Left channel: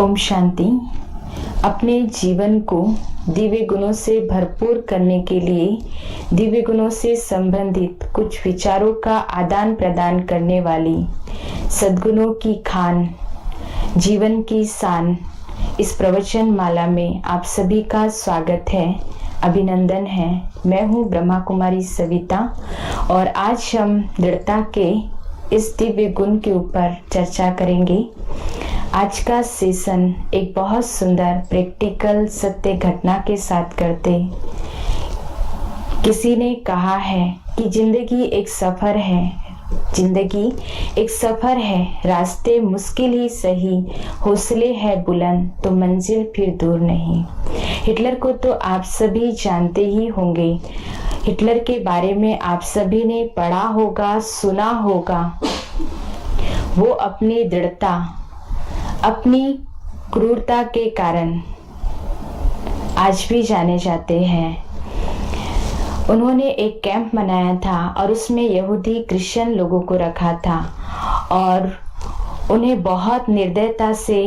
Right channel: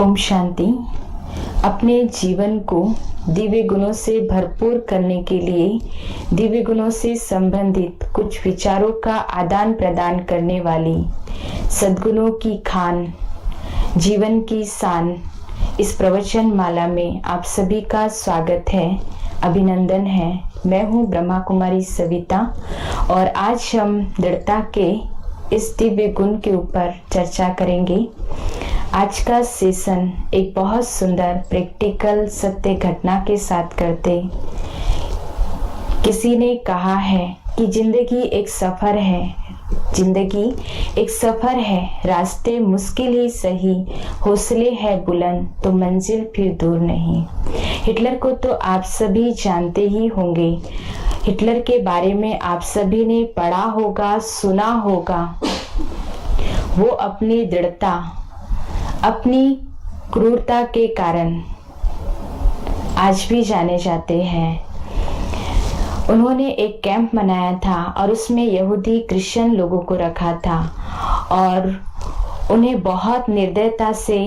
ओम शांति। अपने जीवन को दिव्य गुणों से भरपूर करने के लिए दिव्य गुणों से संबंधित कुछ विचारों का आदान प्रदान करने वाली सद्गुणों की खान, जीवन की शान, इस प्रवचन माला में आप सभी का स्वागत है, अभिनंदन है। मैं हूँ ब्रह्मा कुमारी सविता और आज हम दृढ़ता के इस दिव्य गुण के ऊपर चर्चा करेंगे। आज का सेशन एक बहुत सुंदर प्रैक्टिकल सत्य घटना के साथ करते। किसी ने कहा है कि जिंदगी एक सफर है, रास्ते मुश्किल ही सही, हौसले है बुलंद तो मंजिल फिर दूर नहीं। हिटलर को तो आप सभी जानते ही होंगे। हिटलर के बारे में आप सभी ने पढ़ा होगा, सुना होगा। वो अपनी दृढ़ता, अपनी क्रूरता के कारण आज भी जाने जाते हैं। उन्होंने एक कैंप बनाया था और उसमें यहूदी क्रिश्चियन लोगों को रखा था और उन्हें बहुत निर्दयता से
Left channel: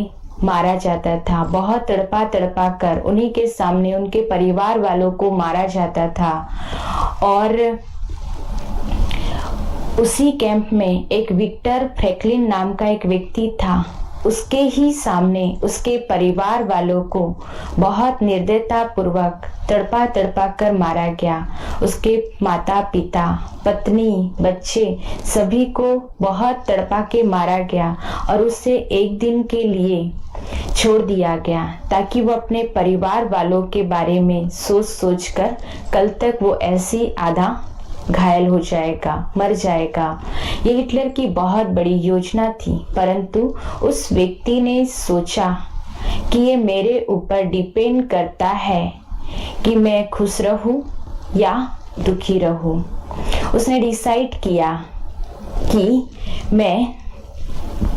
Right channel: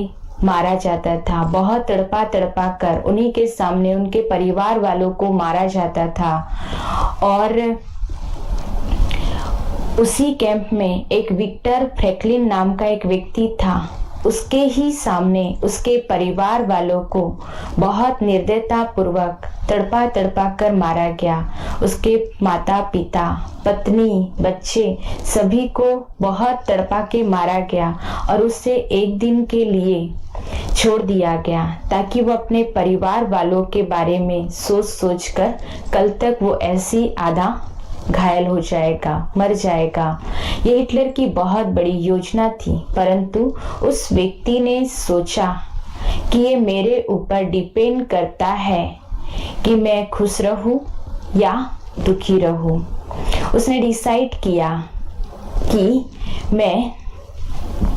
मारा जाता था। बहुत तड़पा तड़पा कर उन्हीं के सामने उनके परिवार वालों को मारा जाता था। और उसी कैंप में एक विक्टर फ्रैंकलिन नाम का एक व्यक्ति था। उसके ही सामने उसके परिवार वालों को बहुत निर्दयता पूर्वक तड़पा तड़पा कर मारा गया। उसके माता पिता, पत्नी, बच्चे सभी को बहुत तड़पा के मारा गया और उसे एक दिन के लिए छोड़ दिया गया ताकि वो अपने परिवार वालों के बारे में सोच सोच कर कल तक वो ऐसी आधा घायल हो जाएगा, मर जाएगा। ये हिटलर की बहुत बड़ी योजना थी, परंतु उस व्यक्ति ने सोचा कि ये मेरे ऊपर डिपेंड करता है कि मैं खुश रहूं या दुखी रहूं। उसने डिसाइड किया कि मैं,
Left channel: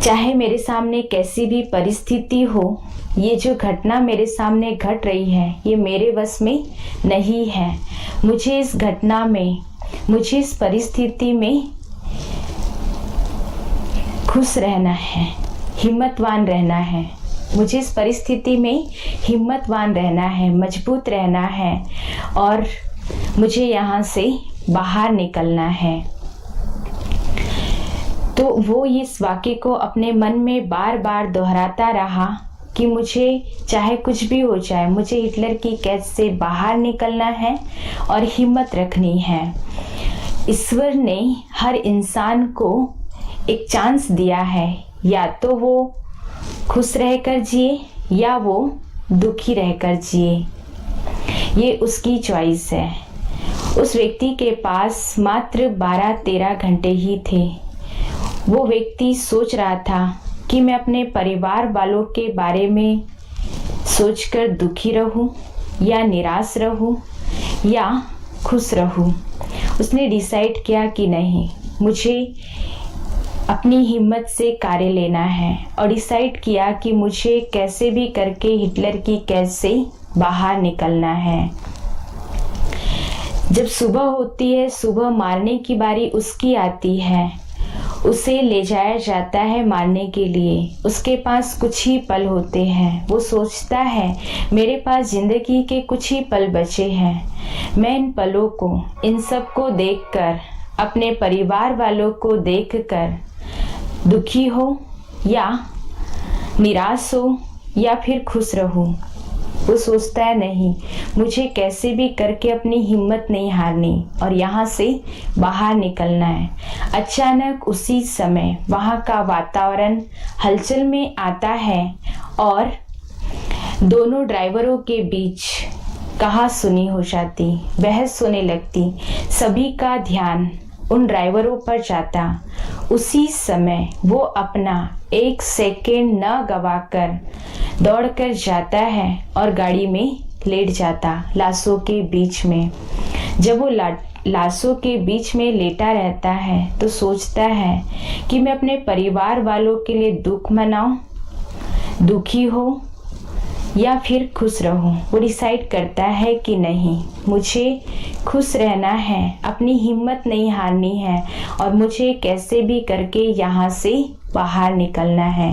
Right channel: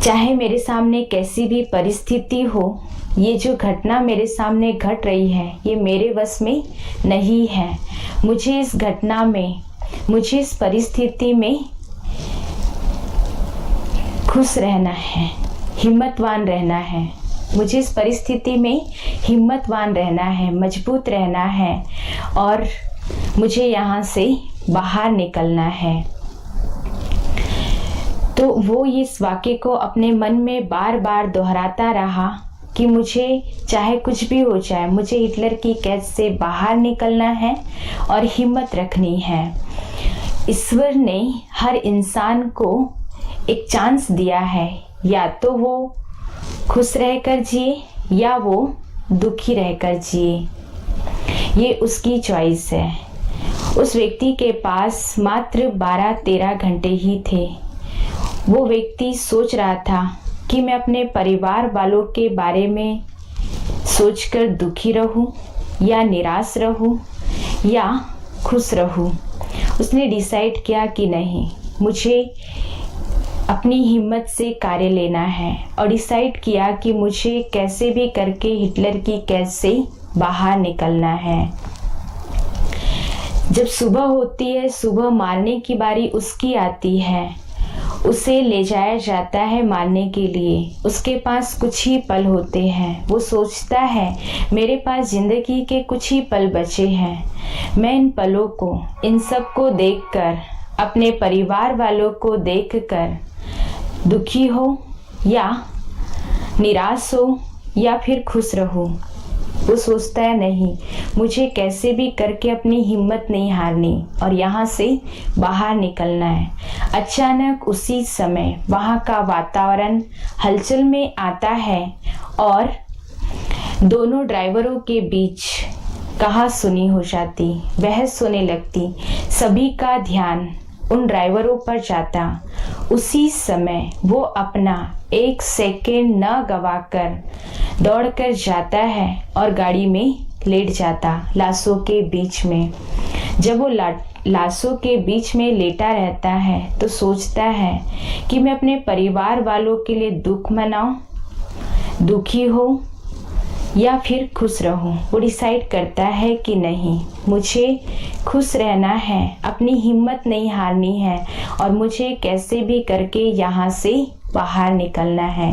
चाहे मेरे सामने कैसी भी परिस्थिति हो, ये जो घटना मेरे सामने घट रही है ये मेरे वश में नहीं है। मुझे इस घटना में, मुझे इस परिस्थिति में खुश रहना है, हिम्मतवान रहना है। मुझे इस परिस्थिति में हिम्मतवान रहना है, मजबूत रहना है और मुझे यहाँ से बाहर निकलना है। तो वो इस वाक्य को अपने मन में बार बार दोहराता रहा कि मुझे चाहे कुछ भी हो जाए, मुझे हिटलर की कैद से बाहर निकलना है और हिम्मत रखनी है। ईश्वर ने हर इंसान को एक चांस दिया है, या तो वो खुश रहकर जिए या वो दुखी रहकर जिए। ये उसकी चॉइस है। उस व्यक्ति के पास मात्र 12-13 घंटे ही थे। वो व्यक्ति सोच रहा था कि मैं अपने परिवार वालों के बारे में सोचकर दुखी रहूं या निराश रहूं या खुश रहूं। उसने डिसाइड किया कि नहीं, मुझे अपनी हिम्मत से कार्य लेना है और डिसाइड किया कि मुझे कैसे भी करके हिटलर की कैद से बाहर निकलना है। जब सुबह होती है, सुबह मारने की बारी उसकी आती है। उसे ले जाया जाता है मारने के लिए। उसके पास कुछ ही पल होते हैं। वो सोचता है मेरे पास जिंदगी के कुछ ही पल बचे हैं। मैं इन पलों को, इन सब को देखकर, अपने परिवार वालों को देखकर दुखी हो या निराश हो या फिर खुश रहूं। वो सोचता है नहीं, मुझे कैसे भी करके अपनी हिम्मत नहीं हारनी और यहाँ से बाहर निकलना है। अचानक उसी समय वहाँ का वातावरण हलचल में आता है और दोनों ड्राइवरों के बीच कहा सुनी हो जाती, बहस होने लगती। सभी का ध्यान उन ड्राइवरों पर जाता। उसी समय वो अपना एक सेकेंड न गवाकर दौड़कर जाता है और गाड़ी में लेट जाता, लाशों के बीच में। जब वो लाशों के बीच में लेटा रहता है तो सोचता है कि मैं अपने परिवार वालों के लिए दुख मनाऊं, दुखी हो या फिर खुश रहूं। वो डिसाइड करता है कि नहीं, मुझे खुश रहना है, अपनी हिम्मत नहीं हारनी है और मुझे कैसे भी करके यहाँ से बाहर निकलना है।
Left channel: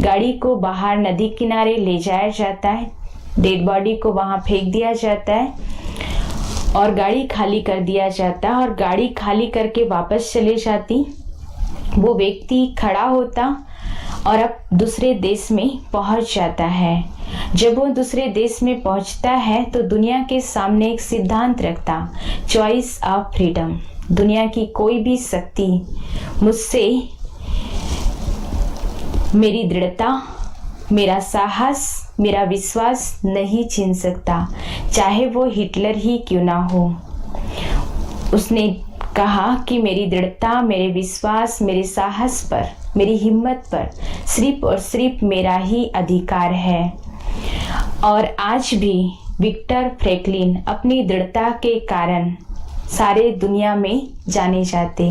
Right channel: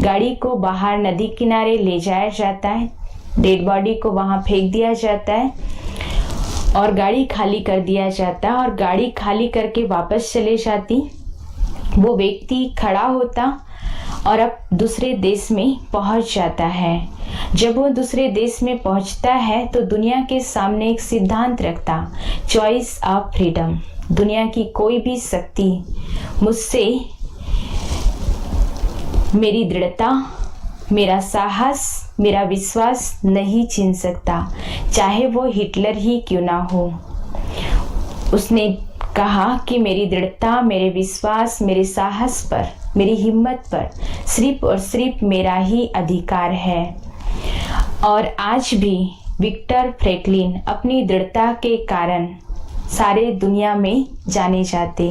गाड़ी को बाहर नदी किनारे ले जाया जाता है, डेड बॉडी को वहां फेंक दिया जाता है और गाड़ी खाली कर दिया जाता और गाड़ी खाली करके वापस चले जाती। वो व्यक्ति खड़ा होता और अब दूसरे देश में पहुंच जाता है। जब वो दूसरे देश में पहुंचता है तो दुनिया के सामने एक सिद्धांत रखता, चॉइस ऑफ फ्रीडम। दुनिया की कोई भी शक्ति मुझसे मेरी दृढ़ता, मेरा साहस, मेरा विश्वास नहीं छीन सकता, चाहे वो हिटलर ही क्यों ना हो। उसने कहा कि मेरी दृढ़ता, मेरे विश्वास, मेरे साहस पर, मेरी हिम्मत पर सिर्फ और सिर्फ मेरा ही अधिकार है। और आज भी विक्टर फ्रैंकलिन अपनी दृढ़ता के कारण सारे दुनिया में जाने जाते।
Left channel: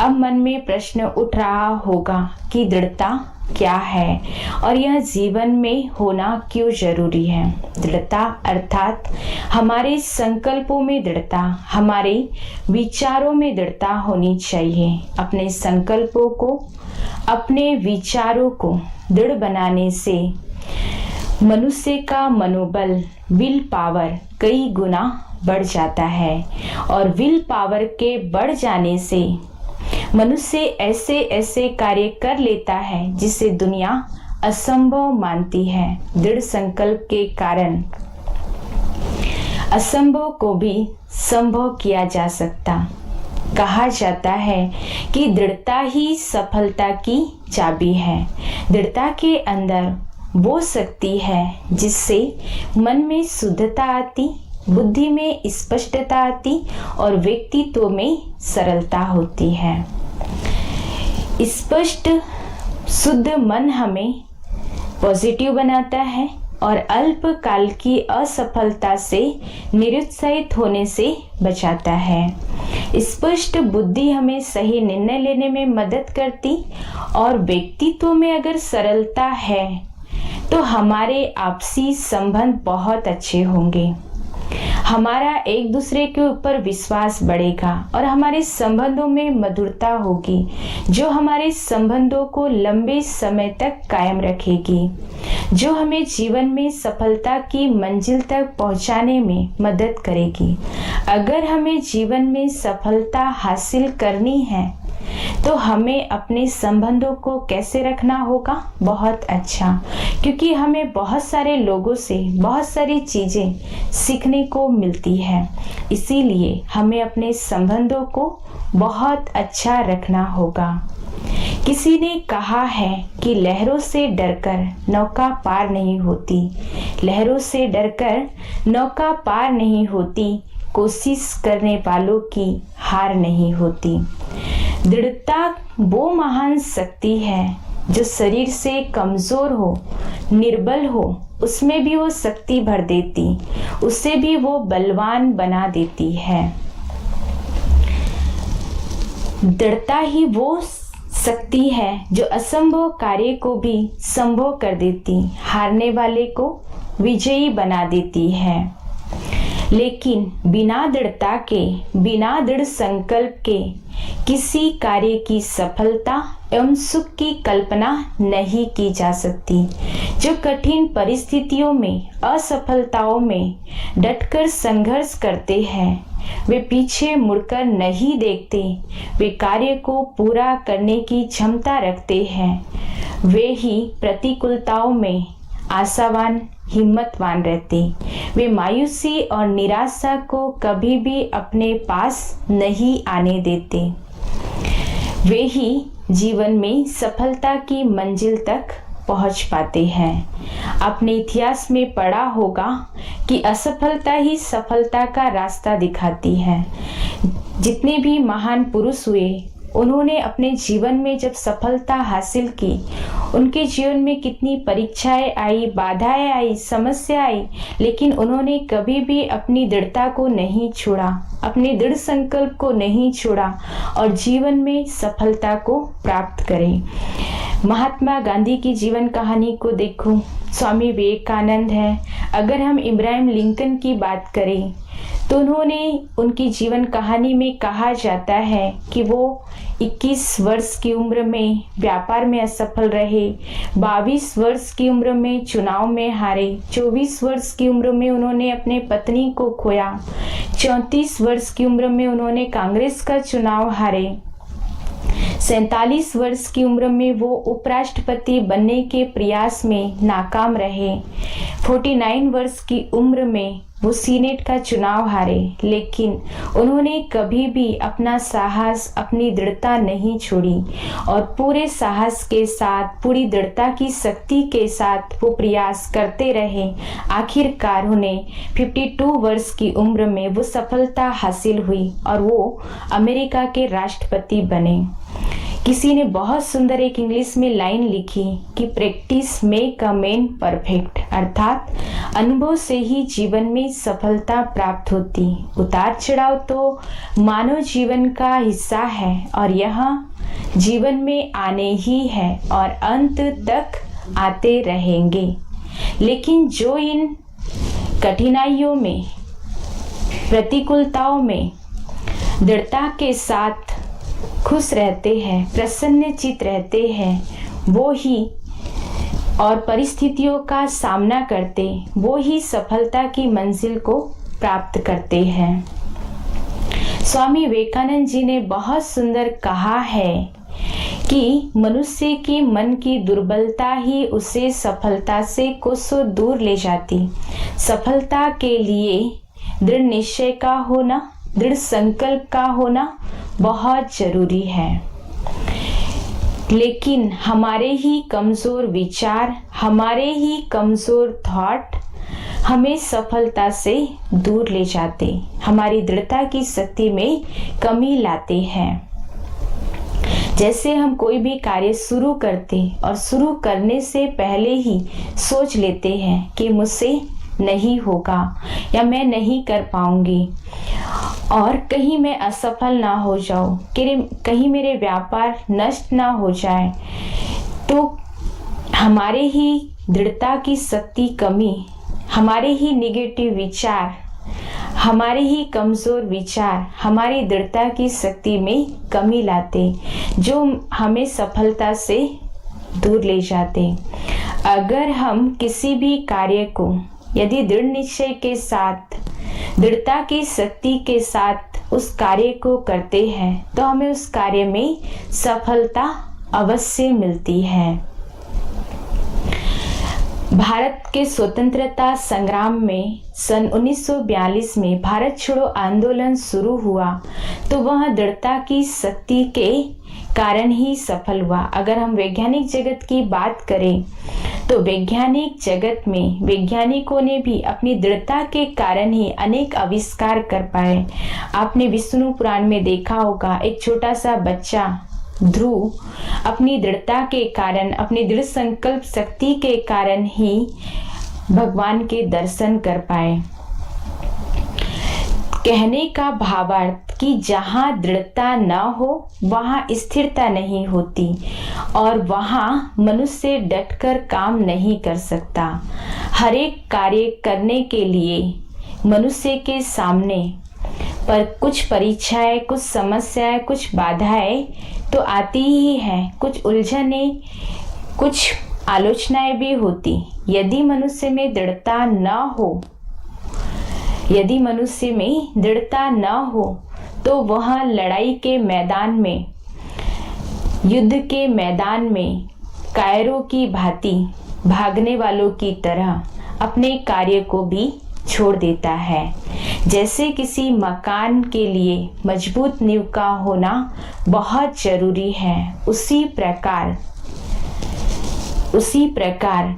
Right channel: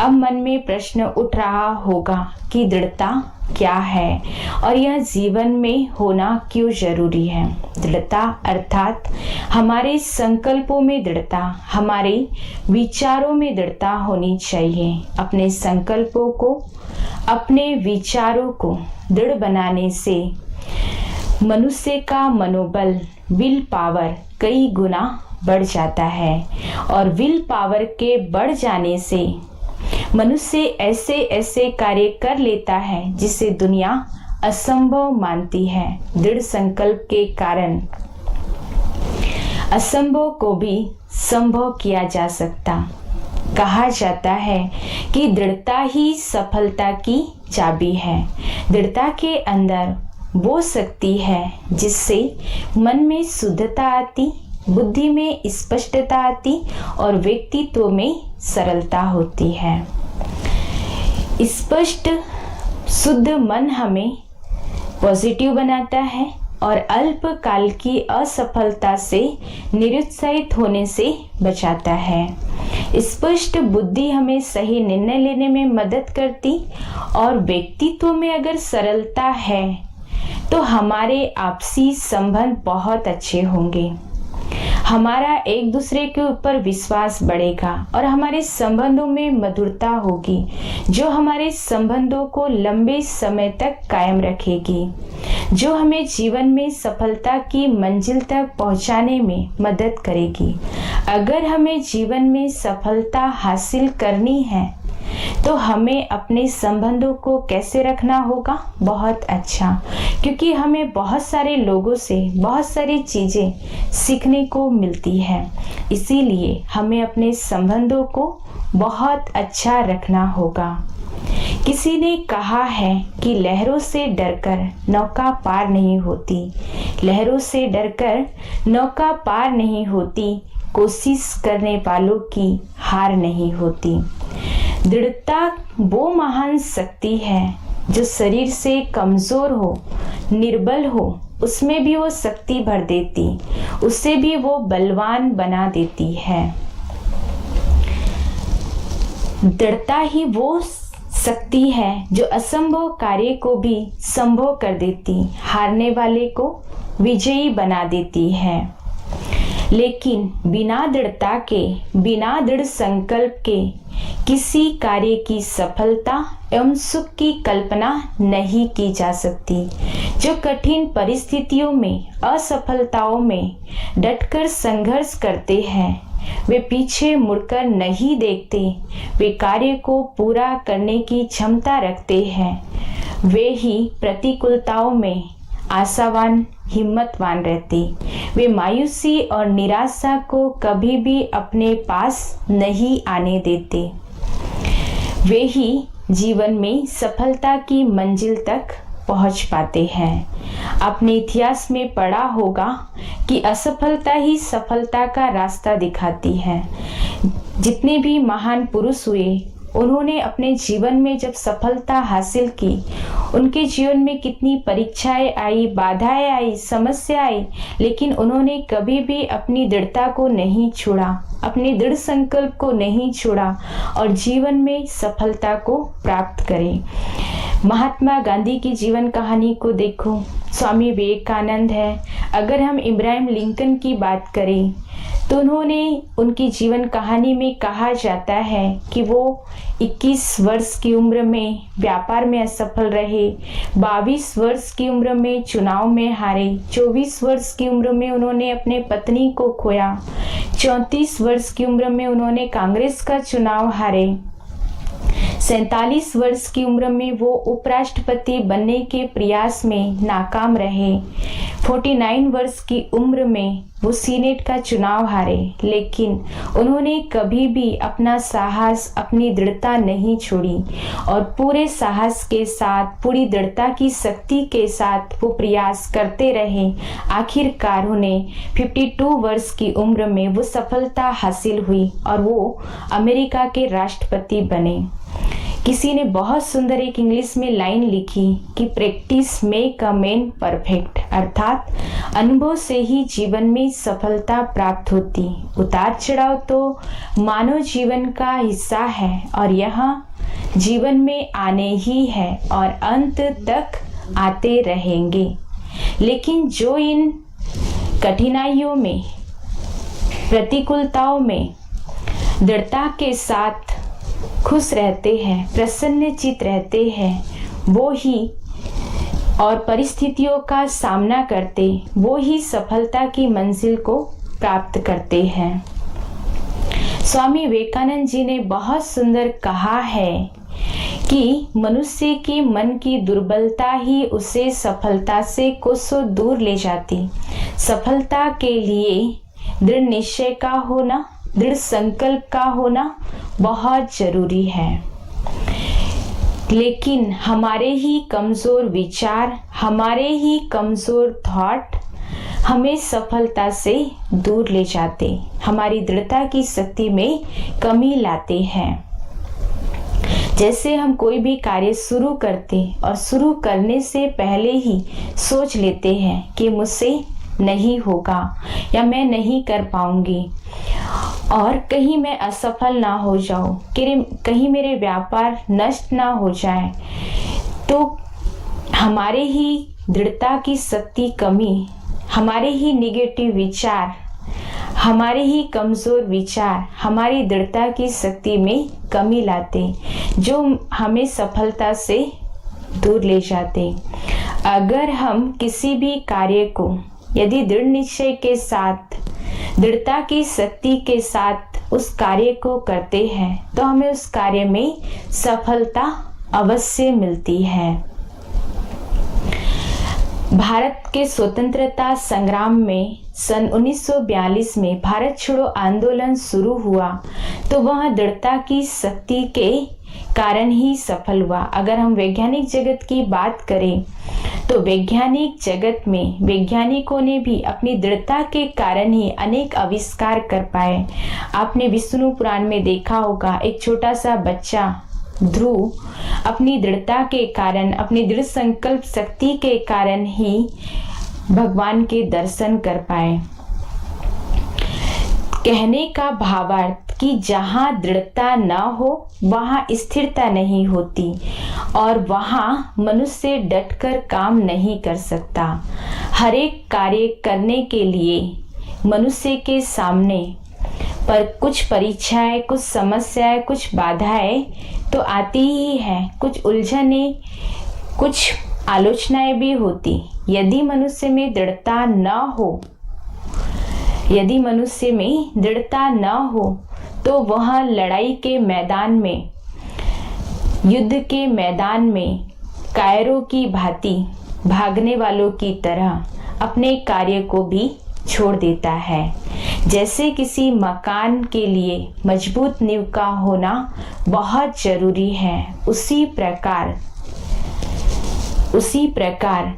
अब मन में प्रश्न उठ रहा होगा कि दृढ़ता क्या है और यह जीवन में होना क्यों जरूरी है। दृढ़ता अर्थात हमारे संकल्पों में दृढ़ता, हमारे विचारों में दृढ़ता होनी चाहिए। अपने संकल्पों को, अपने विचारों को दृढ़ बनाने से मनुष्य का मनोबल, विल पावर कई गुना बढ़ जाता है और विल पावर के बढ़ जाने से मनुष्य ऐसे ऐसे कार्य कर लेता है जिसे दुनिया असंभव मानती है। दृढ़ संकल्प के कारण असंभव को भी संभव किया जा सकता। कहा जाता है कि दृढ़ता ही सफलता की चाबी है। दृढ़ता के अंदर वो शक्ति है जिससे मन में शुद्धता आती, बुद्धि में स्पष्टता आती और व्यक्तित्व में सरलता होती है। स्पष्ट शुद्ध मन हमें पॉजिटिव बनाता है और अल्पकाल की असफलता से निरुत्साहित होने से बचाता है। स्पष्ट बुद्धि हमें सही निर्णय लेने में मदद करती और व्यक्तित्व में अगर सरलता है तो हमारे आपसी संबंध बहुत अच्छे होंगे। हमारा एक दूसरे के ऊपर विश्वास बढ़ेगा और हमारे संबंधों में मधुरता होगी जो हमारे संबंधों को लंबे समय तक कायम रखेगी, जो हमें जीवन में सफलता की मंजिल तक पहुंचाने में मदद करेगी। अगर हमें जीवन में सफलता हासिल करनी है तो हमें अपने संबंधों को कैसे रखना होगा? बहुत अच्छा, क्योंकि हमें बहुत सारे लोगों से बहुत सारी चीजें सीखने को मिलती है। इसीलिए हमें अपने संबंधों को बहुत अच्छा रखना होगा। किसी ने कहा है कि लहरों से डरकर नौका पार नहीं होती, लहरों से डरकर नौका पार नहीं होती, कोशिश करने वालों की हार नहीं होती। दृढ़ता वो महान शक्ति है जो शरीर से कमजोर हो, निर्बल हो, उसमें भी वो शक्ति भर देती, उसे भी वो बलवान बना देती है। दृढ़ता ही वो शक्ति है जो असंभव कार्य को भी संभव कर देती, हारने वाले को विजयी बना देती है। लेकिन बिना दृढ़ता के, बिना दृढ़ संकल्प के किसी कार्य की सफलता एवं सुख की कल्पना नहीं की जा सकती। जो कठिन परिस्थितियों में, असफलताओं में डटकर संघर्ष करते हैं, वे पीछे मुड़कर नहीं देखते, वे कार्य को पूरा करने की क्षमता रखते हैं। वे ही प्रतिकूलताओं में आशावान, हिम्मतवान रहते। वे मायूसी और निराशा को कभी भी अपने पास नहीं आने देते। वे ही जीवन में सफलता की मंजिल तक पहुंच पाते हैं। आपने इतिहास में पढ़ा होगा कि असफलता ही सफलता का रास्ता दिखाती है। जितने भी महान पुरुष हुए, उन्होंने अपने जीवन में जब सफलता हासिल की, उनके जीवन में कितनी परीक्षाएं आई, बाधाएं आई, समस्या आई, लेकिन उन्होंने कभी भी अपनी दृढ़ता को नहीं छोड़ा, अपने दृढ़ संकल्प को नहीं छोड़ा और जीवन में सफलता को प्राप्त करें। महात्मा गांधी की जीवन कहानी को देखो, स्वामी विवेकानंद है, अगर हम इब्राहिम लिंकन की बात करें तो उनकी जीवन कहानी में कहा जाता है कि वो 21 वर्ष की उम्र में व्यापार में असफल रहे, 22 वर्ष की उम्र में चुनाव में हारे, 24 वर्ष की उम्र में उन्होंने अपने पत्नी को खोया, 34 वर्ष की उम्र में उन्होंने कांग्रेस का चुनाव हारे, 47 वर्ष की उम्र में वो उपराष्ट्रपति बनने के प्रयास में नाकाम रहे, 49 वर्ष की उम्र में वो सीनेट का चुनाव हारे, लेकिन उन्होंने कभी भी अपना साहस, अपनी दृढ़ता नहीं छोड़ी और पूरे साहस के साथ, पूरी दृढ़ता की शक्ति के साथ वो प्रयास करते रहे। आखिरकार उन्हें 52 वर्ष की उम्र में वो सफलता हासिल हुई और वो अमेरिका के राष्ट्रपति बने। किसी ने बहुत सुंदर एक इंग्लिश में लाइन लिखी कि practice make a man perfect, अर्थात अनुभव से ही जीवन में सफलता प्राप्त होती। उतार चढ़ाव तो मानव जीवन का हिस्सा है और यह जीवन में आने ही है और अंत तक आते रहेंगे, लेकिन जो इन कठिनाइयों में, प्रतिकूलताओं में दृढ़ता के साथ खुश रहते हैं, प्रसन्नचित रहते हैं, वो ही और परिस्थितियों का सामना करते, वो ही सफलता की मंजिल को प्राप्त करते हैं। स्वामी विवेकानंद जी ने बहुत सुंदर कहा है कि मनुष्य की मन की दुर्बलता ही उसे सफलता से कोसों दूर ले जाती। सफलता के लिए दृढ़ निश्चय का होना, दृढ़ संकल्प का होना बहुत जरूरी है, लेकिन हमारे ही कमजोर विचार, हमारे ही कमजोर थॉट हमें सफलता से दूर ले जाते, हमारी दृढ़ता की शक्ति में कमी लाते हैं। जैसे हम कोई भी कार्य शुरू करते और शुरू करने से पहले ही सोच लेते हैं कि मुझसे नहीं होगा या मैं नहीं कर पाऊंगी और कहीं मैं असफल ना हो जाऊं, कहीं मेरे व्यापार नष्ट ना हो जाए, तो हमारे ही दृढ़ता की शक्ति कमी, हमारे ही निगेटिव विचार, हमारे ही कमजोर विचार हमारी दृढ़ता की शक्ति में कमी लाते, जो हमें सफलता से दूर ले जाते। अगर हम किसी भी कार्य को यदि दृढ़ निश्चय के साथ, दृढ़ता की शक्ति के साथ उस कार्य को करते हैं तो हमें उस कार्य में सफलता अवश्य मिलती है। भारत के स्वतंत्रता संग्राम में सन 1942 में भारत छोड़ो आंदोलन शुरू हुआ तो वह दृढ़ता की शक्ति के कारण ही सफल हुआ। अगर हम वैज्ञानिक जगत की बात करें तो वैज्ञानिक जगत में वैज्ञानिकों ने भी अपनी दृढ़ता के कारण ही अनेक आविष्कार कर पाए। आपने विष्णु पुराण में देखा होगा, एक छोटा सा बच्चा ध्रुव अपनी दृढ़ता के कारण, अपनी दृढ़ संकल्प शक्ति के कारण ही भगवान के दर्शन कर पाए। कहने का भावार्थ कि जहाँ दृढ़ता न हो वहाँ स्थिरता नहीं होती और वहाँ मनुष्य डटकर काम नहीं कर सकता। हर एक कार्य करने के लिए मनुष्य के सामने पर कुछ परीक्षाएं, कुछ समस्याएं, कुछ बाधाएं तो आती ही हैं, कुछ उलझने, कुछ आलोचनाएं भी होती। यदि मनुष्य में दृढ़ता न हो, यदि मनुष्य में दृढ़ता न हो तो वह लड़ाई के मैदान में, युद्ध के मैदान में कायरों की भांति भागने वालों की तरह अपने कार्य को भी छोड़ देता है। जैसे किसी मकान के लिए मजबूत नींव का होना बहुत जरूरी है, उसी प्रकार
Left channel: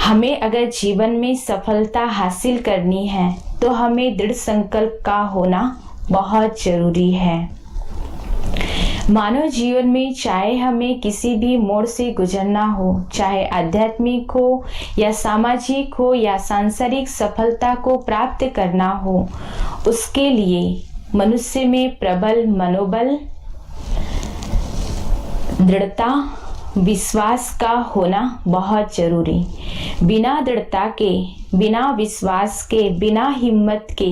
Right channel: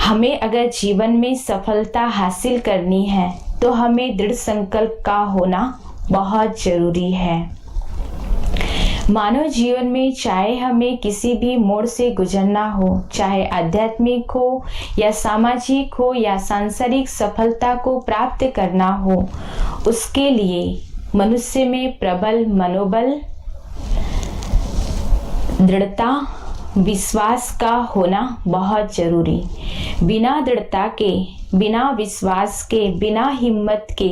हमें अगर जीवन में सफलता हासिल करनी है तो हमें दृढ़ संकल्प का होना बहुत जरूरी है। मानव जीवन में चाहे हमें किसी भी मोड़ से गुजरना हो, चाहे आध्यात्मिक हो या सामाजिक हो या सांसारिक सफलता को प्राप्त करना हो, उसके लिए मनुष्य में प्रबल मनोबल, दृढ़ता विश्वास का होना बहुत जरूरी। बिना दृढ़ता के, बिना विश्वास के, बिना हिम्मत के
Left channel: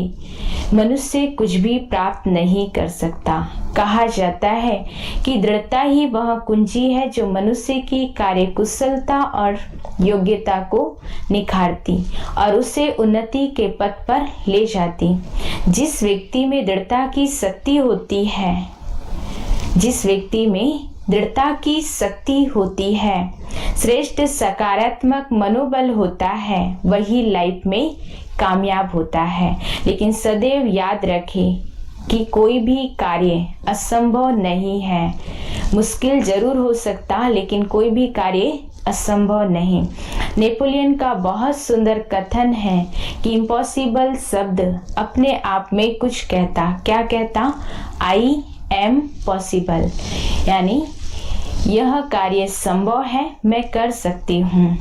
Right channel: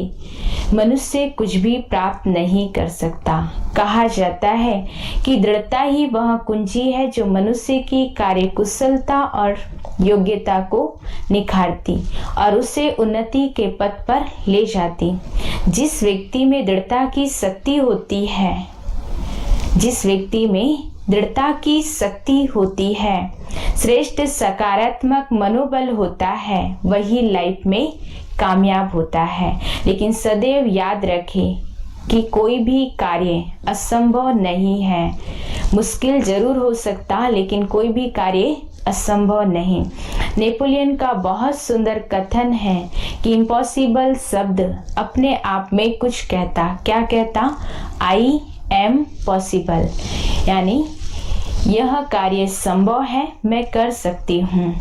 मनुष्य कुछ भी प्राप्त नहीं कर सकता। कहा जाता है कि दृढ़ता ही वह कुंजी है जो मनुष्य की कार्यकुशलता और योग्यता को निखारती और उसे उन्नति के पथ पर ले जाती। जिस व्यक्ति में दृढ़ता की शक्ति होती है, जिस व्यक्ति में दृढ़ता की शक्ति होती है, श्रेष्ठ सकारात्मक मनोबल होता है, वही लाइफ में कामयाब होता है। लेकिन सदैव याद रखें कि कोई भी कार्य असंभव नहीं है। मुश्किल जरूर हो सकता, लेकिन कोई भी कार्य असंभव नहीं। नेपोलियन का बहुत सुंदर कथन है कि इम्पॉसिबल शब्द अपने आप में कुछ कहता। क्या कहता? आई एम पॉसिबल, यानी यह कार्य संभव है, मैं कर सकती हूँ।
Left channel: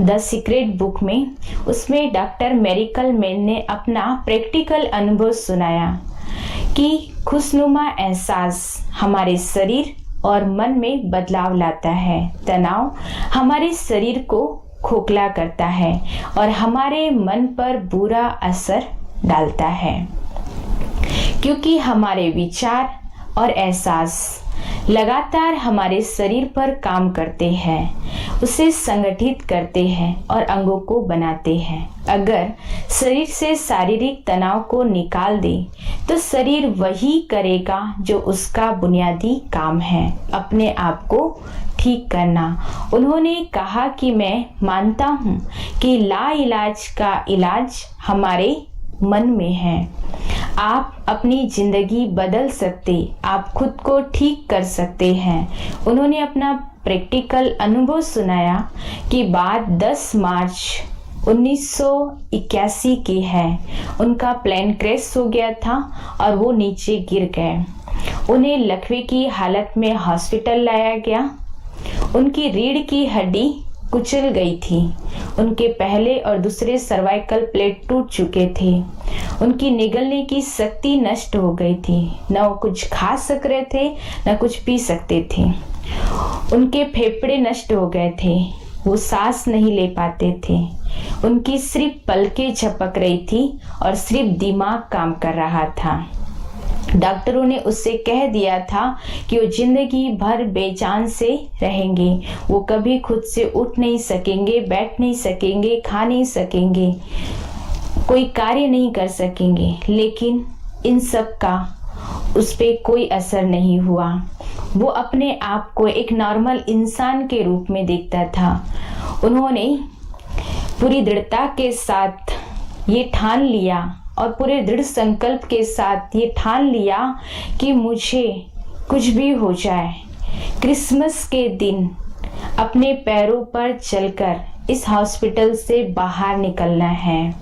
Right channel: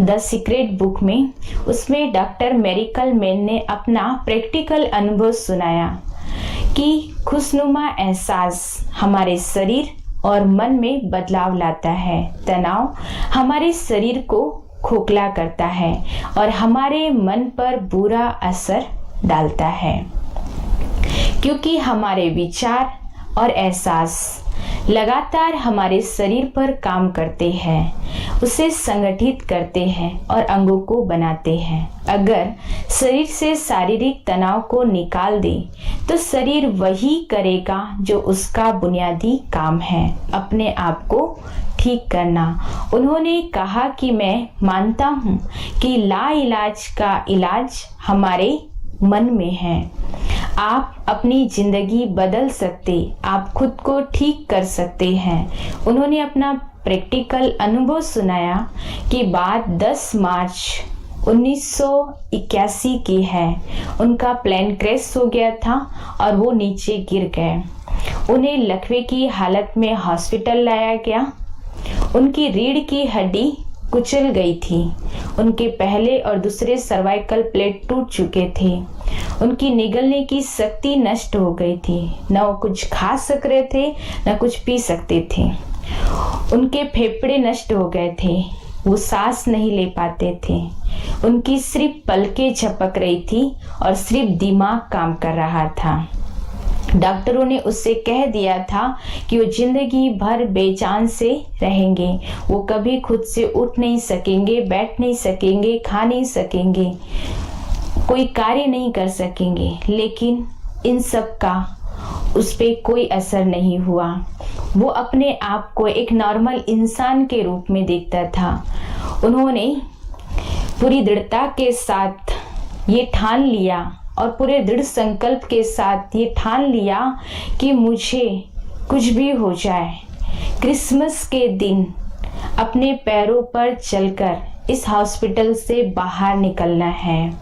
द सीक्रेट बुक में उसमें डॉक्टर मेरिकल मैन ने अपना प्रैक्टिकल अनुभव सुनाया कि खुशनुमा एहसास हमारे शरीर और मन में बदलाव लाता है। तनाव हमारे शरीर को खोखला करता है और हमारे मन पर बुरा असर डालता है, क्योंकि हमारे विचार और एहसास लगातार हमारे शरीर पर काम करते हैं, उसे संगठित करते हैं और अंगों को बनाते हैं। अगर शरीर से शारीरिक तनाव को निकाल दे तो शरीर वही करेगा जो उसका बुनियादी काम है, अपने आप को ठीक करना। उन्होंने कहा कि मैं मानता हूँ कि लाइलाज का इलाज हमारे मन में है। आप अपनी जिंदगी बदल सकते, आप खुद को ठीक कर सकते हैं। उन्होंने अपना प्रैक्टिकल अनुभव सुनाया कि बात 10 मार्च 1981 की है। उनका प्लेन क्रैश हो गया था और वो नीचे गिर गए। उन्हें लकवे की हालत में हॉस्पिटल लाया गया। उनकी रीढ़ की हड्डी कुचल गई थी। उनके पहले और दूसरे सर्वाइकल प्लेट टूट चुके थे। उनकी निगलने की शक्ति नष्ट हो गई थी। न वो कुछ खा सक रहे थे, न कुछ पी सकते थे। उनके फेफड़े नष्ट हो गए थे, वो सांस नहीं ले पाते थे। उनकी सिर्फ पलकें झपक रही थी और सिर्फ दिमाग काम कर रहा था। डॉक्टरों ने उससे कह दिया था कि वो जिंदगी भर बेजान से रहेंगे। वो कभी खुद से उठ नहीं सकेंगे, बैठ नहीं सकेंगे, खा नहीं सकेंगे, कोई कार्य नहीं कर सकेंगे। लेकिन इन सब का उस पे कोई असर नहीं हुआ। वो अपने आप को एक नॉर्मल इंसान के रूप में देखता था। उन्होंने पूरी दृढ़ता के साथ ये ठान लिया और पूरे दृढ़ संकल्प के साथ ये ठान लिया कि मुझे कुछ भी हो जाए, क्रिसमस के दिन अपने पैरों पर चलकर इस हॉस्पिटल से बाहर निकलना है।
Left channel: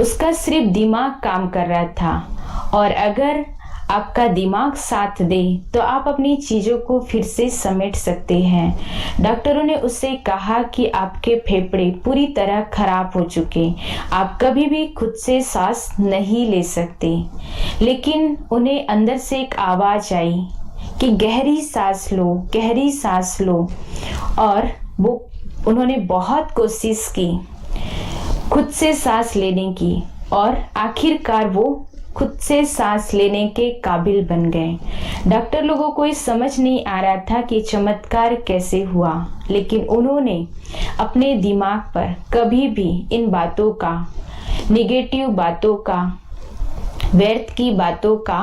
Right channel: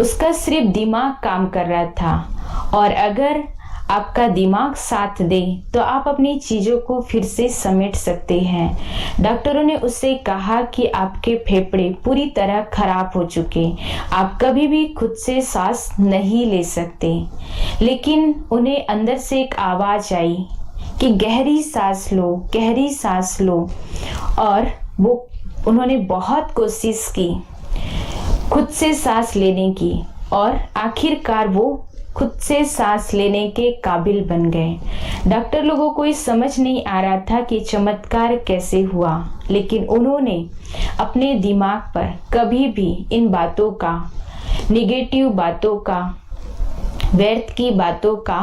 उसका सिर्फ दिमाग काम कर रहा था, और अगर आपका दिमाग साथ दे तो आप अपनी चीजों को फिर से समेट सकते हैं। डॉक्टरों ने उससे कहा कि आपके फेफड़े पूरी तरह खराब हो चुके, आप कभी भी खुद से सांस नहीं ले सकते। लेकिन उन्हें अंदर से एक आवाज आई कि गहरी सांस लो, गहरी सांस लो। और उन्होंने बहुत कोशिश की खुद से सांस लेने की, और आखिरकार वो खुद से सांस लेने के काबिल बन गए। डॉक्टर लोगों को ये समझ नहीं आ रहा था कि चमत्कार कैसे हुआ, लेकिन उन्होंने अपने दिमाग पर कभी भी इन बातों का, निगेटिव बातों का, व्यर्थ की बातों का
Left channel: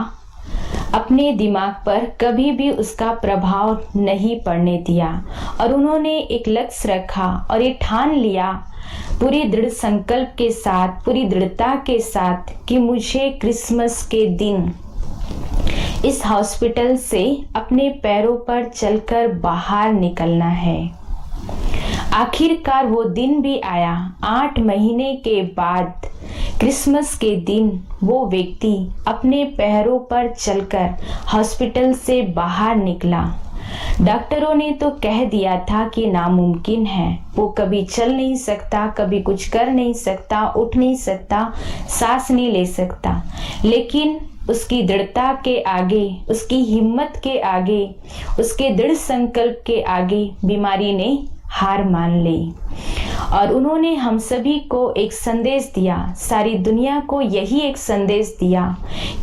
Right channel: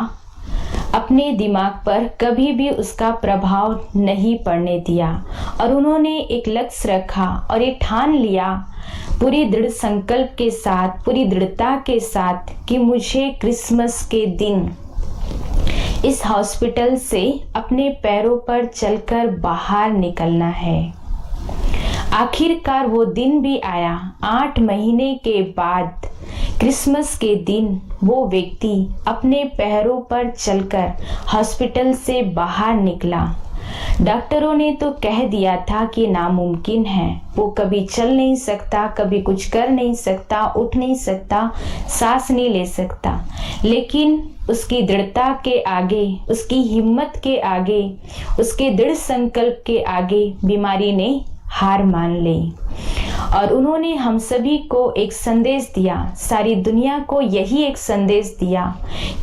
अपने दिमाग पर कभी भी उसका प्रभाव नहीं पड़ने दिया। और उन्होंने एक लक्ष्य रखा और ये ठान लिया पूरी दृढ़ संकल्प के साथ, पूरी दृढ़ता के साथ कि मुझे क्रिसमस के दिन इस हॉस्पिटल से अपने पैरों पर चलकर बाहर निकलना है। आखिरकार वो दिन भी आया। 8 महीने के बाद क्रिसमस के दिन वो व्यक्ति अपने पैरों पर चलकर हॉस्पिटल से बाहर निकला। डॉक्टरों ने तो कह दिया था कि नामुमकिन है, वो कभी चल नहीं सकता, कभी कुछ कर नहीं सकता, उठ नहीं सकता, सांस नहीं ले सकता। लेकिन उसकी दृढ़ता के आगे, उसकी हिम्मत के आगे, उसके दृढ़ संकल्प के आगे बीमारी ने हार मान ली। और उन्होंने हम सभी को एक संदेश दिया, सारी दुनिया को यही एक संदेश दिया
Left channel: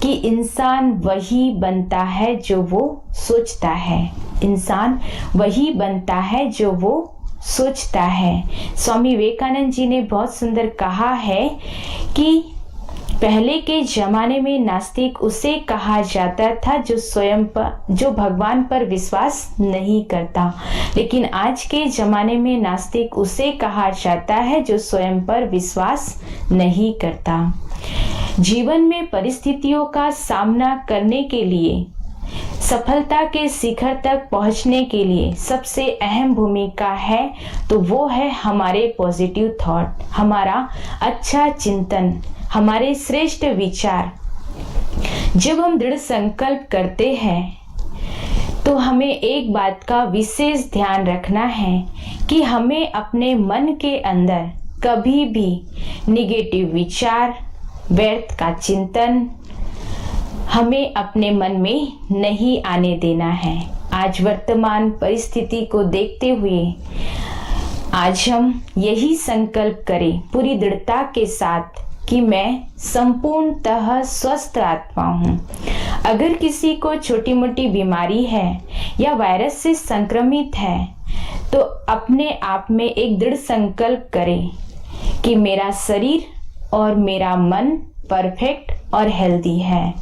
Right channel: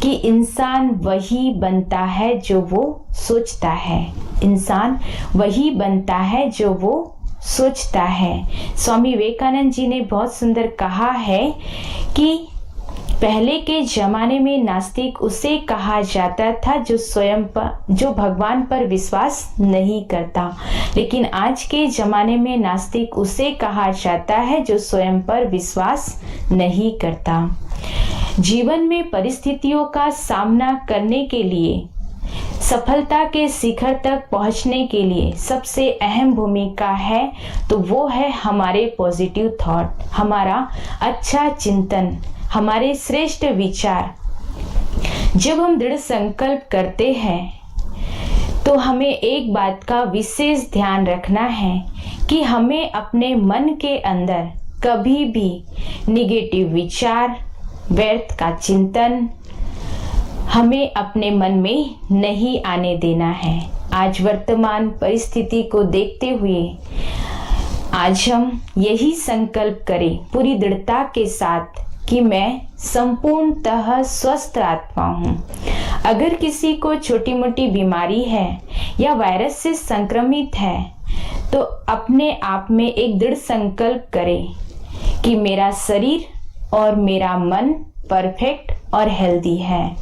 कि इंसान वही बनता है जो वो सोचता है। इंसान वही बनता है जो वो सोचता है। स्वामी विवेकानंद जी ने बहुत सुंदर कहा है कि पहले के जमाने में नास्तिक उसे कहा जाता था जो भगवान पर विश्वास नहीं करता, लेकिन आज के जमाने में नास्तिक उसे कहा जाता है जो स्वयं पर विश्वास नहीं करता। जीवन में परिस्थितियों का सामना करने के लिए, सफलता के शिखर तक पहुंचने के लिए सबसे अहम भूमिका है तो वो है हमारे पॉजिटिव थॉट, हमारा अच्छा चिंतन, हमारे श्रेष्ठ विचार। जब हम दृढ़ संकल्प करते हैं तो हमें एक बात का विशेष ध्यान रखना है कि हमें अपने मन के अंदर कभी भी निगेटिव विचार, व्यर्थ का चिंतन हमें अपने मन में नहीं आने देना है। आज वर्तमान परिस्थिति को देखते हुए आज हम यही संकल्प करें पूरी दृढ़ता के साथ कि मैं संपूर्णतः स्वस्थ आत्मा हूँ। अगर किसी को छोटी मोटी बीमारी है या वायरस से संक्रमित है तो अपने आप में एक दृढ़ संकल्प करें कि मेरा शरीर और मेरा मन परफेक्ट और हेल्दी है,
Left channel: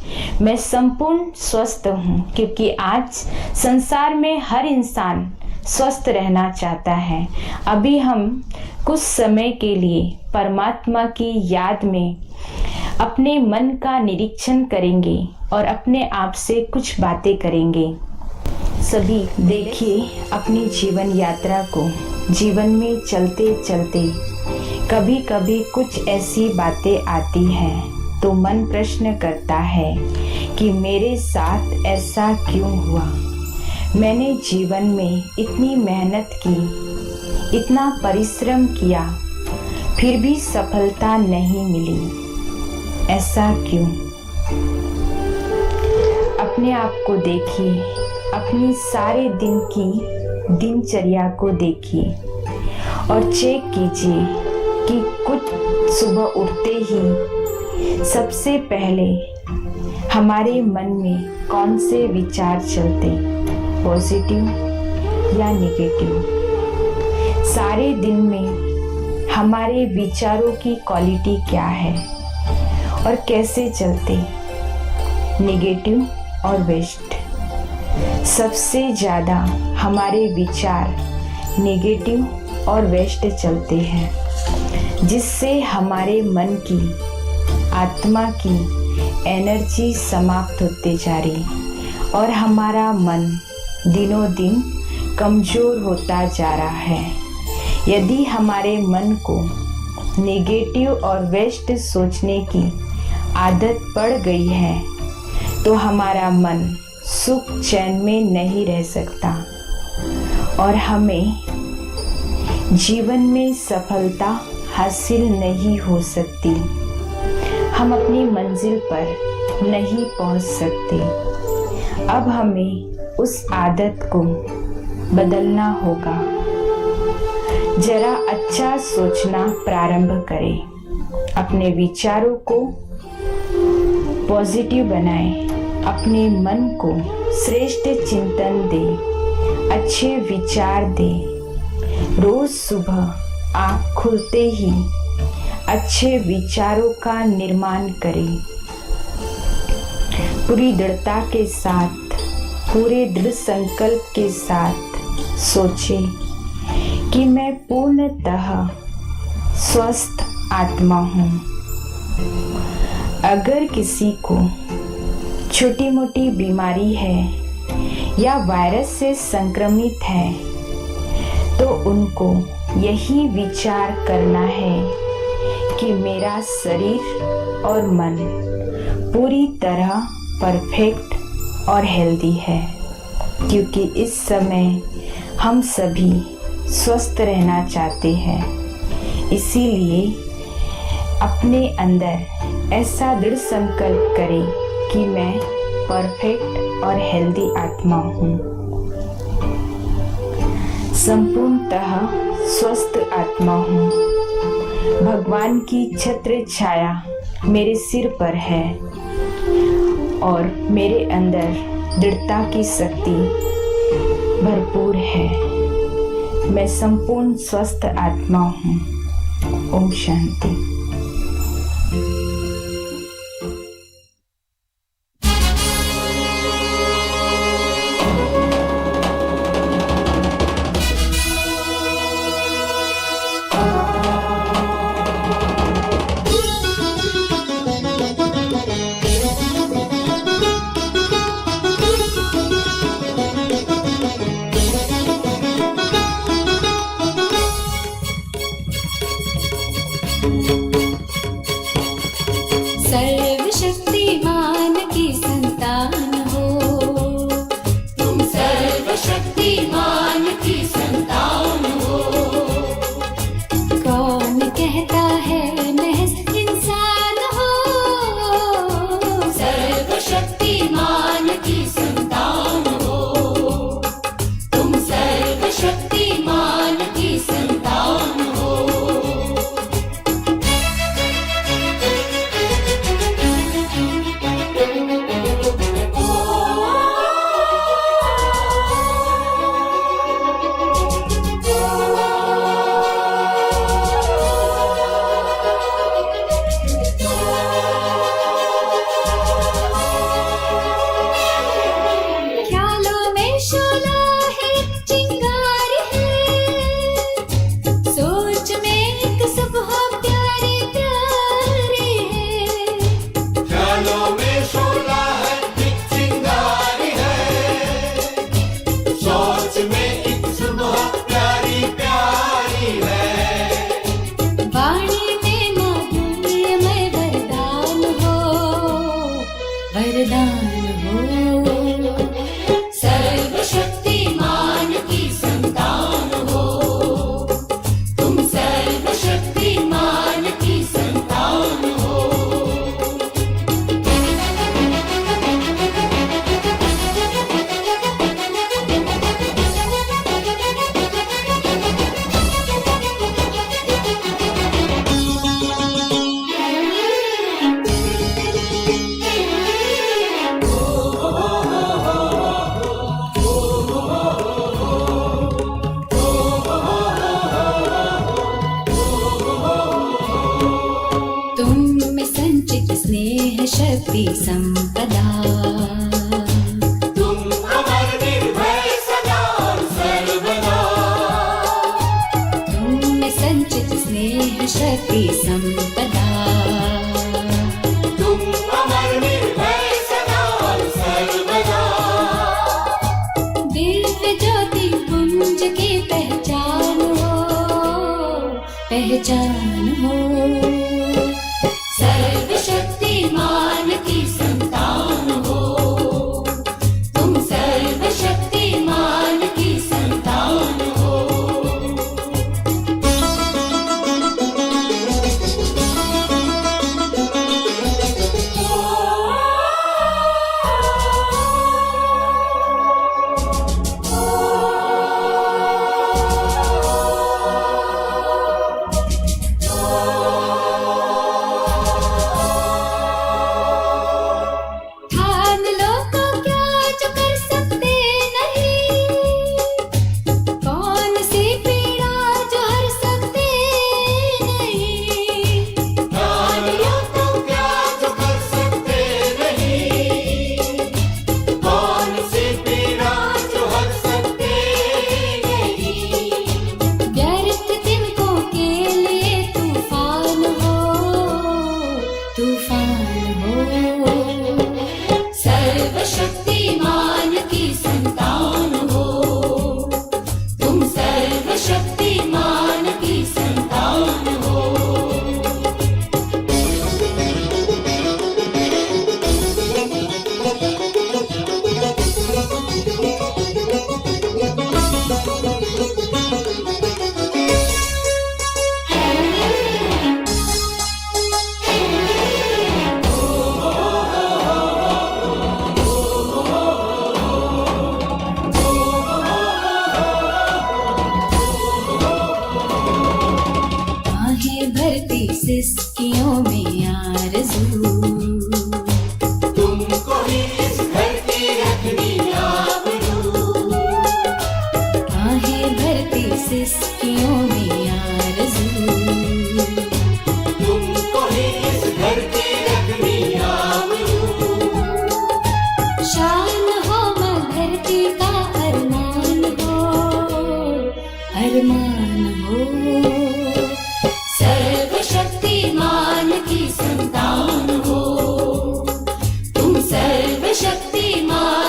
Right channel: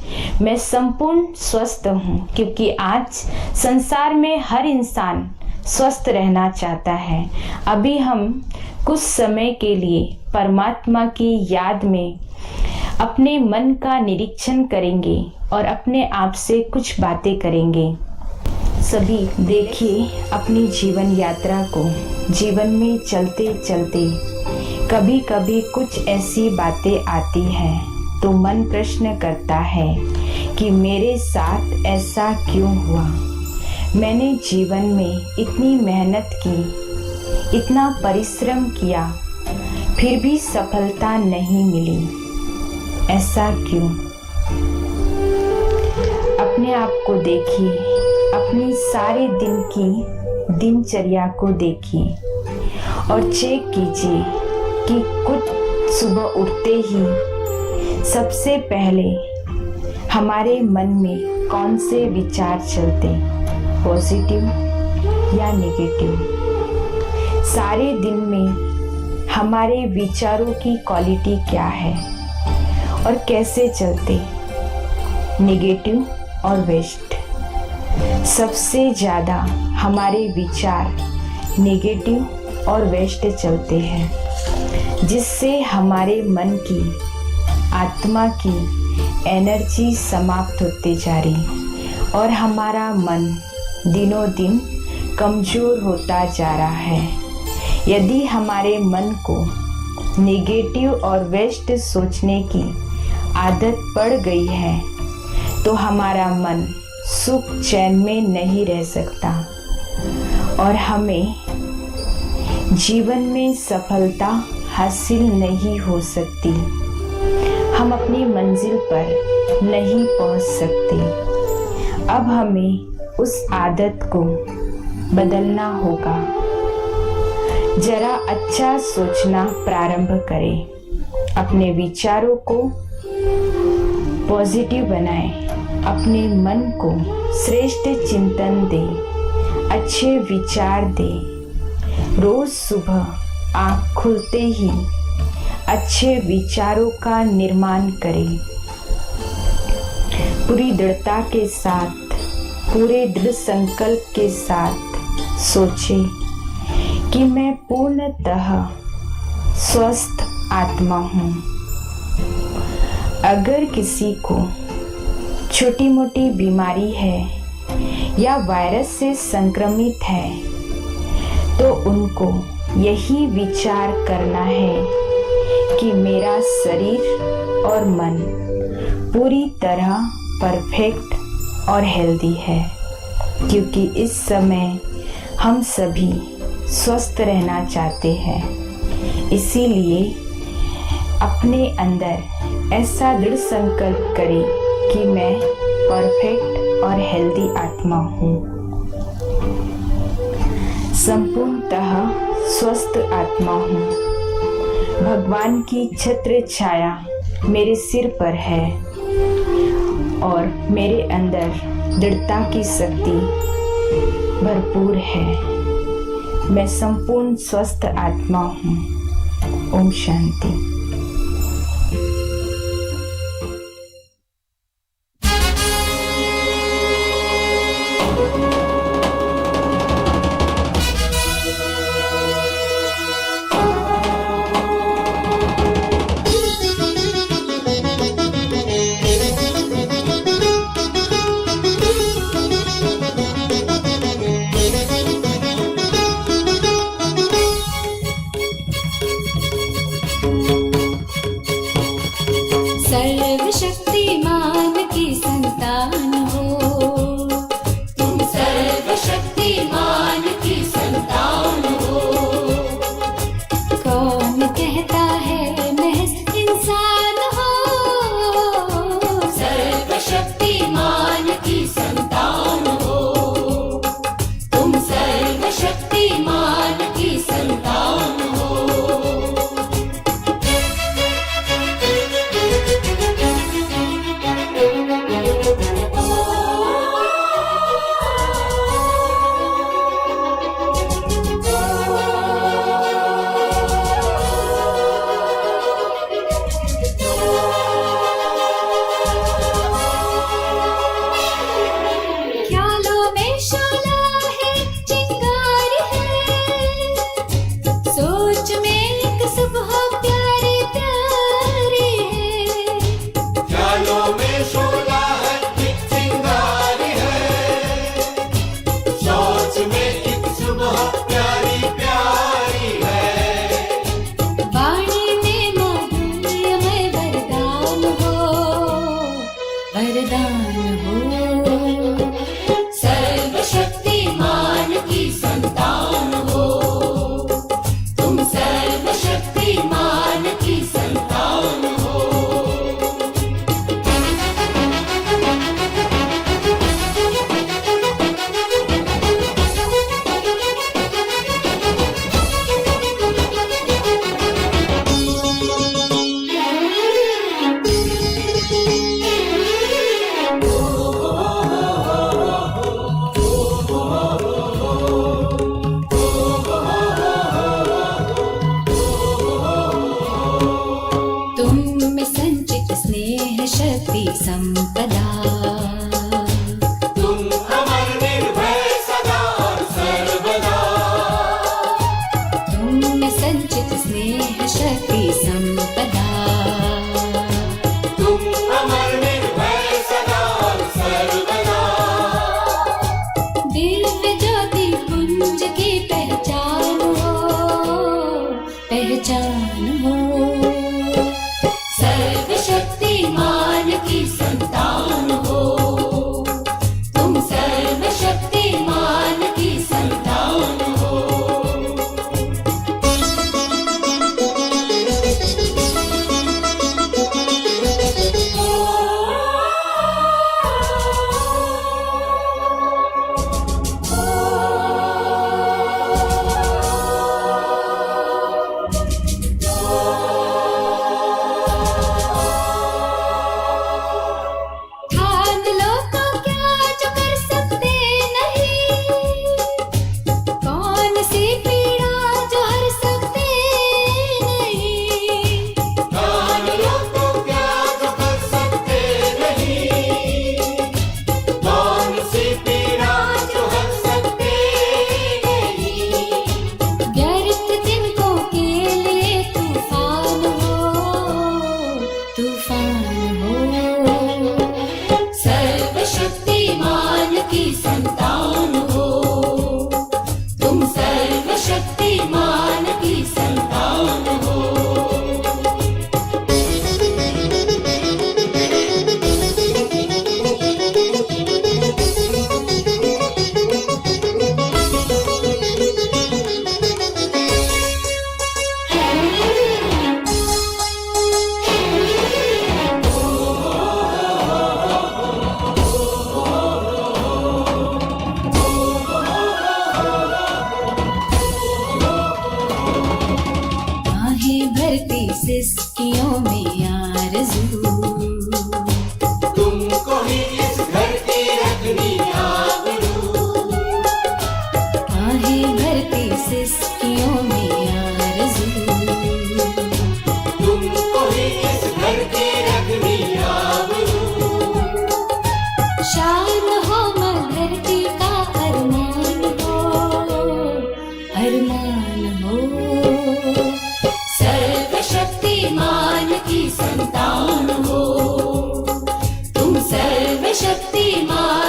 मैं संपूर्ण स्वस्थ हूँ। क्योंकि आज संसार में हर इंसान स्वस्थ रहना चाहता है। अभी हम कुछ समय के लिए परमात्मा की याद में अपने मन का निरीक्षण करेंगे और अपने आप से कुछ बातें करेंगे। सभी देखिए अपनी जीवन यात्रा को। जीवन में चलते चलते कभी कभी कुछ ऐसी बातें आती हैं तो मन प्रश्न करता है कि मेरे साथ ऐसा क्यों हुआ। मैंने जीवन में इतनी मेहनत की, इतना परिश्रम किया, फिर भी सफलता नहीं मिली, ऐसा क्यों। अपने आप को देखिए, अपनी सारे दिन की दिनचर्या को देखिए और चेक कीजिए कि कुछ सुबह उठते ही सबसे पहले हमारे मन में कौन से विचार चलते, पॉजिटिव या नेगेटिव। सारे दिन में हमारे विचारों की क्वालिटी क्या है और कैसे चलते, नेगेटिव और वेस्ट। सबसे ज़्यादा हमारे विचार नेगेटिव और वेस्ट चलते हैं, जिससे हमारे मन की, आत्मा की एनर्जी समाप्त होते जा रही और हमारा मन दिनों दिन कमज़ोर होता जा रहा है। यदि हमारे मन को नेगेटिव और वेस्ट सोचने की आदत पड़ गई है तो हमारा मन सुख चैन में नहीं रह सकता और हमें जीवन में सफलता हासिल नहीं हो सकती। हम अपनी मंजिल पर नहीं पहुंच सकते। अब हमें उस आदत को बदलना होगा। जरा अच्छा सोचना प्रारंभ करें, अपने विचारों को पॉजिटिव बनाएं, अपने मन को श्रेष्ठ चिंतन दें, अच्छे विचार दें। रोज सुबह आँख खुलते ही अच्छे विचारों का निर्माण करें। पूरी दृढ़ता के साथ, पूरे दृढ़ संकल्प के साथ सोचें कि मैं पूर्णतः स्वस्थ आत्मा हूँ। अगर किसी को छोटी मोटी बीमारी है या वायरस से संक्रमित है तो उनको यही विचार करना है कि मेरा शरीर और मन पूरी तरह परफेक्ट और हेल्दी है। क्योंकि इस समय हम सभी स्वस्थ रहना चाहते हैं, इसीलिए अपने अंदर ऐसा दृढ़ संकल्प करें कि मैं परफेक्ट और हेल्दी आत्मा हूँ, संपूर्णतः स्वस्थ आत्मा हूँ। भगवान की छत्र छाया मेरे सिर पर है और मेरे अंदर दृढ़ता की शक्ति भरपूर है। मैं संपूर्ण स्वस्थ आत्मा हूँ। ओम शांति। सर्वशक्तिमान की संतान हो, तुम सर्वशक्तिमान की संतान हो। कौन कहता है महज इंसान हो, सर्वशक्तिमान की संतान हो, तुम सर्वशक्तिमान की संतान हो। सर्वशक्तिमान की संतान हो, तुम सर्वशक्तिमान की संतान हो। तुम में संचित स्नेह शक्ति संपदा, तुम अमर निर्भय सदा सर्वदा। तुम में संचित स्नेह शक्ति संपदा, तुम अमर निर्भय सदा सर्वदा। दिव्य ज्योति पुंज की पहचान हो, पहचान हो। सर्वशक्तिमान की संतान हो, सिसकियों में आरज़ू। तुमको ही इस घर की रखनी आबरू। आहें भरती सिसकियों में आरज़ू। तुमको ही इस घर की रखनी आबरू। शान हो धरती का अरमान हो सर्वशक्तिमान की संतान हो। तुम सर्वशक्तिमान